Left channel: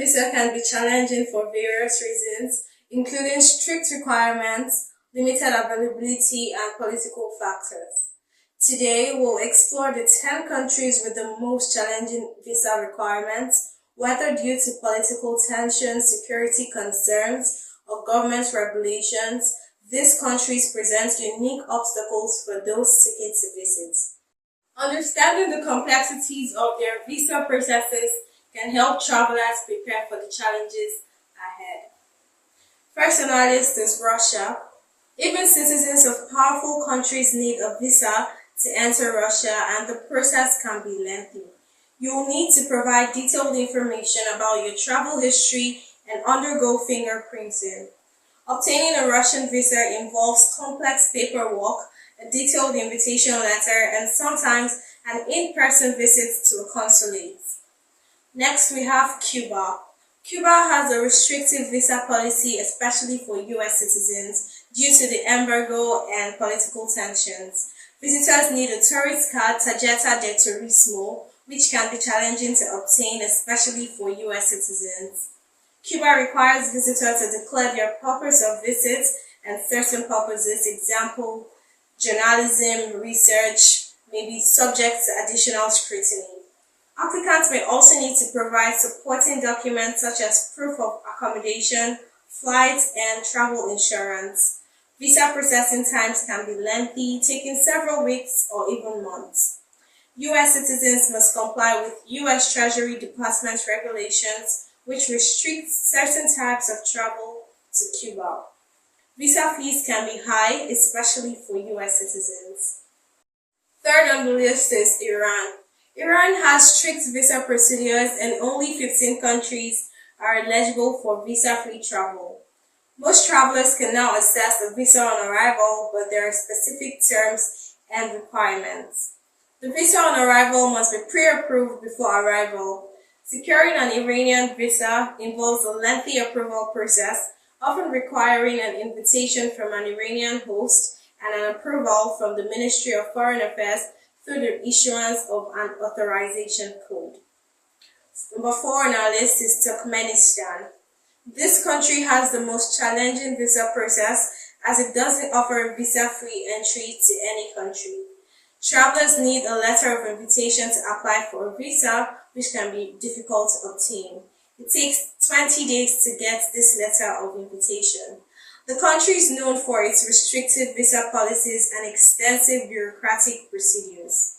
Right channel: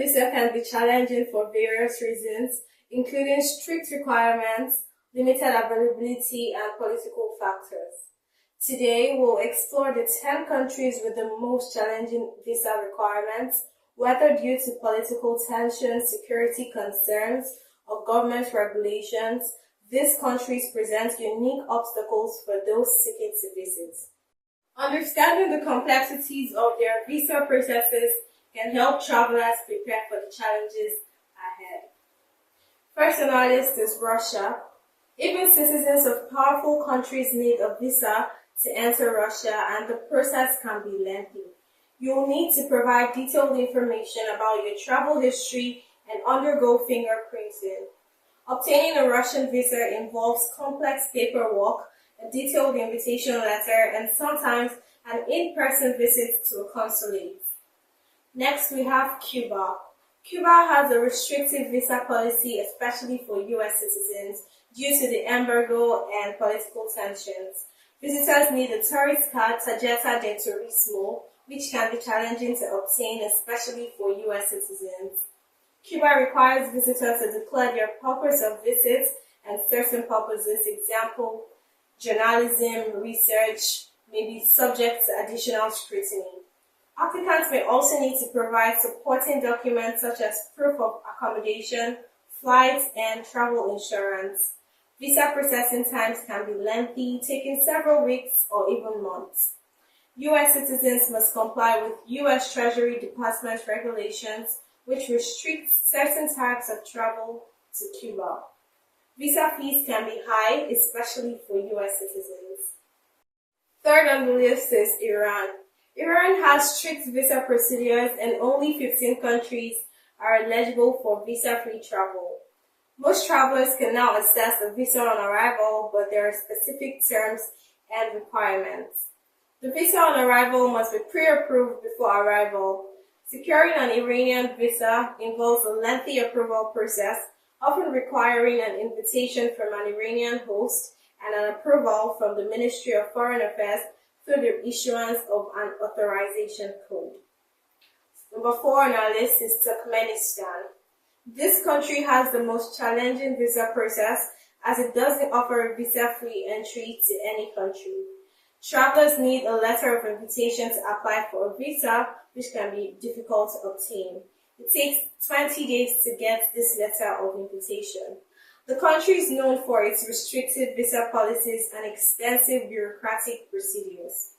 visa can be challenging for various reasons, including strict requirements, limited availability, and political factors. Today, we'll explore the 10 countries with the most challenging visa requirements, whether due to political tensions, security concerns, or government regulations. These countries present unique obstacles for those seeking to visit. Understanding the complexities of their visa processes can help travelers prepare for the challenges ahead. First on our list is Russia. Even citizens of powerful countries need a visa to enter Russia, and the process can be lengthy. You will need to provide detailed information about your travel history and undergo fingerprinting. Obtaining a Russian visa involves complex paperwork, a detailed invitation letter, and sometimes an in-person visit to a consulate. Next, we have Cuba. Cuba has a restrictive visa policy, especially for US citizens, due to the embargo and political tensions. Visitors need a tourist card, tarjeta de turismo, which can be challenging to obtain, especially for US citizens. Cuba requires visitors to declare their purpose of visit and certain purposes, example, journalism, research, may be subject to additional scrutiny. Applicants may also need to provide supporting documents such as proof of accommodation, flights, and travel insurance. Visa processing times can be lengthy, taking several weeks or even months. U.S. citizens must comply with U.S. Treasury Department regulations, which restrict certain types of travel to Cuba. Visa fees can be high, especially for U.S. citizens. Third on the list is Iran. Iran has strict visa procedures and only 15 countries are eligible for visa-free travel. Most travelers can now access a visa on arrival, but there are specific terms and requirements. The visa on arrival must be pre-approved before arrival. Securing an Iranian visa involves a lengthy approval process, often requiring an invitation from an Iranian host and an approval from the Ministry of Foreign Affairs through the issuance of an authorization code. Number 4 on our list is Turkmenistan. This country has the most challenging visa process as it doesn't offer visa-free entry to any country. Travelers need a letter of invitation to apply for a visa, which can be difficult to obtain. It takes 20 days to get this letter of invitation. The country is known for its restrictive visa policies and extensive bureaucratic procedures.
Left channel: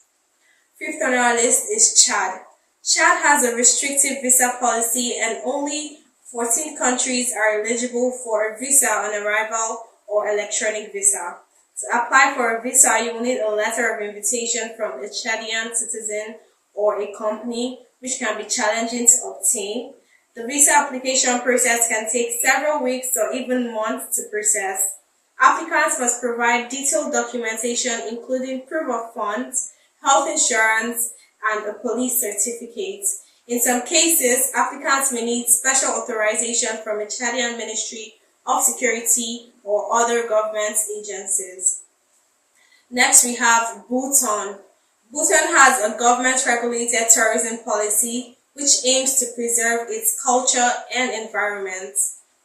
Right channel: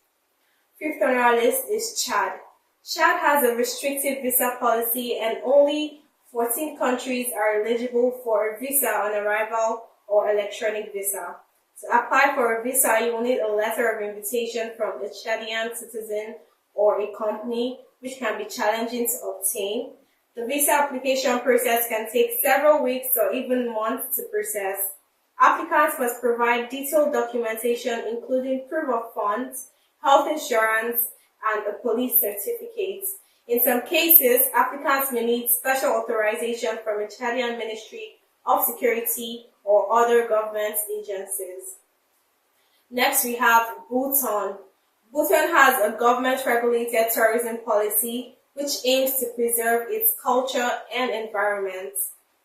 Fifth on our list is Chad. Chad has a restrictive visa policy and only 14 countries are eligible for a visa on arrival or electronic visa. To apply for a visa, you will need a letter of invitation from a Chadian citizen or a company, which can be challenging to obtain. The visa application process can take several weeks or even months to process. Applicants must provide detailed documentation including proof of funds, health insurance, and a police certificate. In some cases, applicants may need special authorization from a Chadian Ministry of Security or other government agencies. Next, we have Bhutan. Bhutan has a government-regulated tourism policy which aims to preserve its culture and environment.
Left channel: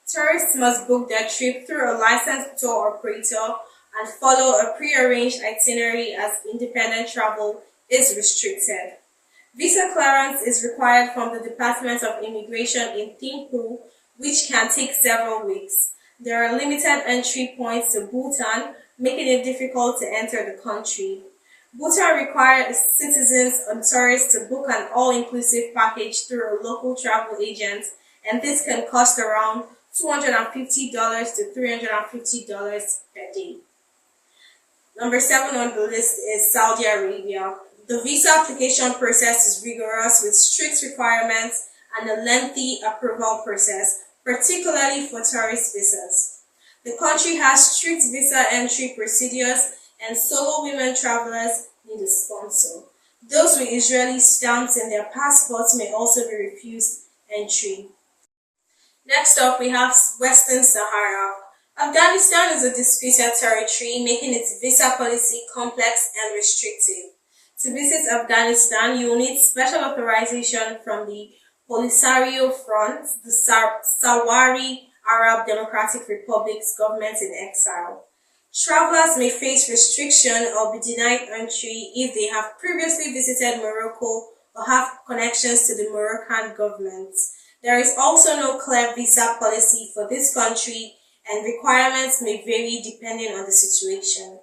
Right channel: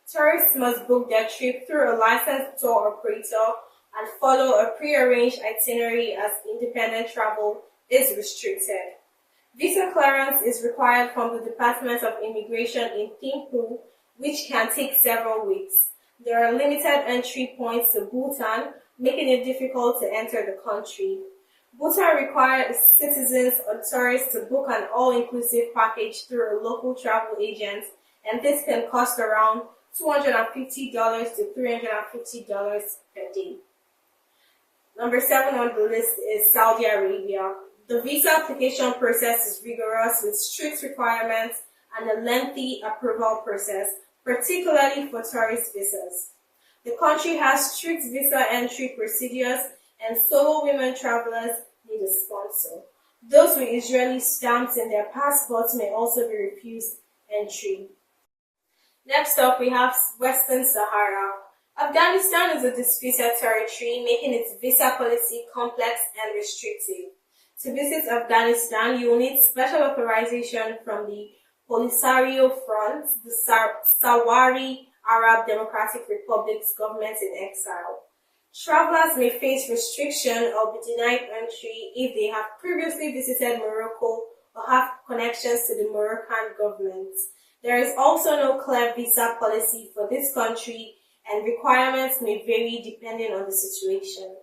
Tourists must book their trip through a licensed tour operator and follow a pre-arranged itinerary as independent travel is restricted. Visa clearance is required from the Department of Immigration in Thimphu, which can take several weeks. There are limited entry points to Bhutan, making it difficult to enter the country. Bhutan requires citizens and tourists to book an all-inclusive package through a local travel agent, and this can cost around $250 to $350 per day. Number 7 on the list is Saudi Arabia. The visa application process is rigorous with strict requirements and a lengthy approval process, particularly for tourist visas. The country has strict visa entry procedures and solo women travelers need a sponsor. Those with Israeli stamps in their passports may also be refused entry. Next up, we have Western Sahara. Afghanistan is a disputed territory, making its visa policy complex and restrictive. To visit Afghanistan, you will need special authorization from the Polisario Front, the Sahrawi Arab Democratic Republic's government in exile. Travelers may face restriction or be denied entry if they have previously visited Morocco or have connections to the Moroccan government. There is also no clear visa policy for this country, and requirements may vary depending on the situation.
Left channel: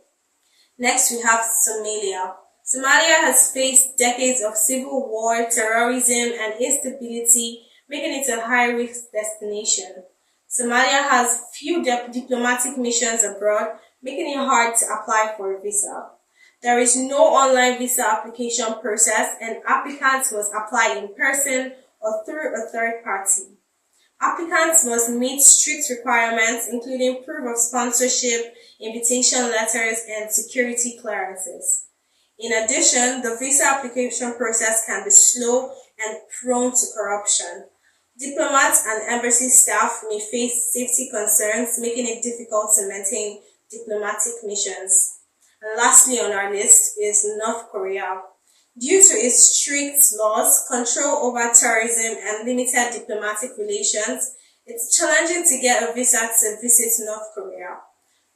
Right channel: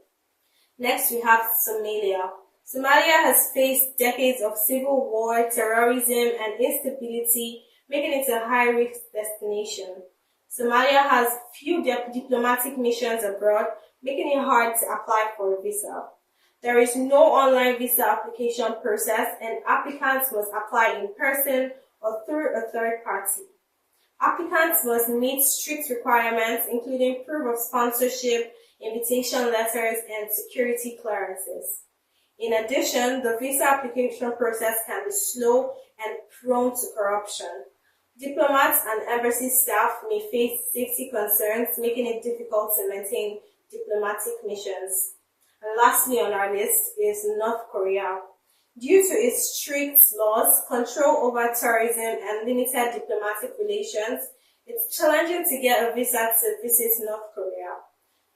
Next, we have Somalia. Somalia has faced decades of civil war, terrorism, and instability, making it a high-risk destination. Somalia has few diplomatic missions abroad, making it hard to apply for a visa. There is no online visa application process, and applicants must apply in person or through a third party. Applicants must meet strict requirements, including proof of sponsorship, invitation letters, and security clearances. In addition, the visa application process can be slow and prone to corruption. Diplomats and embassy staff may face safety concerns, making it difficult to maintain diplomatic missions. And lastly on our list is North Korea. Due to its strict laws, control over tourism, and limited diplomatic relations, it's challenging to get a visa to visit North Korea.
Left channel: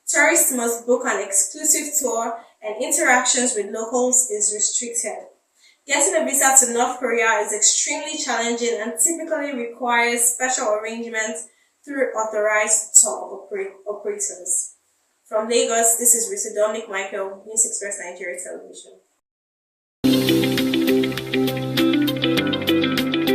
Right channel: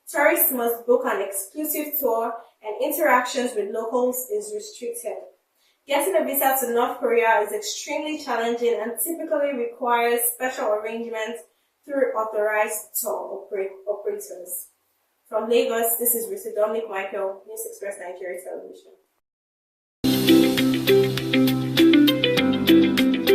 Tourists must book an exclusive tour, and interactions with locals is restricted. Getting a visa to North Korea is extremely challenging and typically requires special arrangements through authorized tour operators. From Lagos, this is Risa Dominic Michael, News Express Nigeria Television.